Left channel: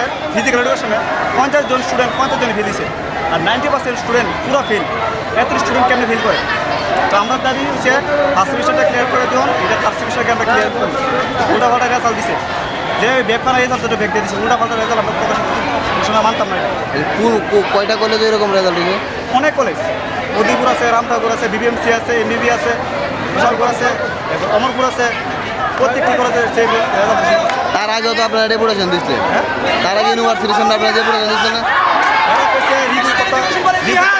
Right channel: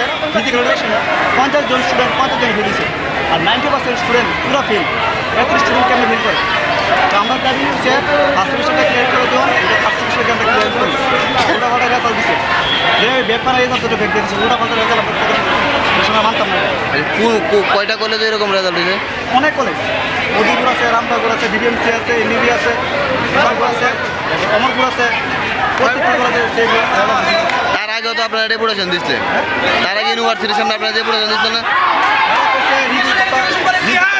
কলেজের ফিজিক্যাল এডুকেশনে 50 জন স্টুডেন্ট 50 জন ফেল দিছে, আর 90% স্টুডেন্ট পুরো ফেল। এত স্টুডেন্ট কেমন ফেল করে? তো আমরা দাবি হচ্ছে ফার্স্ট সেমিস্টারটা ক্লিয়ার করে দিন, এটা ফার্স্ট সেমিস্টারকে আমরা ক্লিয়ার করি। উল্টাপাল্টা রেজাল্ট দিছে, যে ব্যাক করা রেজাল্ট দুটো ব্যাক দিয়েছে, উল্টাপাল্টা রেজাল্ট আমরা সময় মানতাম না। কয়টা কলেজে এরকম রেজাল্ট দিয়েছে? অনেক কলেজ, মদিপুর আছে, রামনগর আছে, বিবিএমসি আছে, এমবিবি আছে, বিশালপুর আছে, এরপর অমরপুর আছে, প্রত্যেকটি কলেজে সেই রেজাল্ট দিছে। তার আগেও তো আপনারা ডেপুটেশন দিচ্ছিলেন, তার আগে ইউনিভার্সিটির সামনে আপনারা ডেপুটেশন দিচ্ছেন না? এরা করছে রিভিউ করতে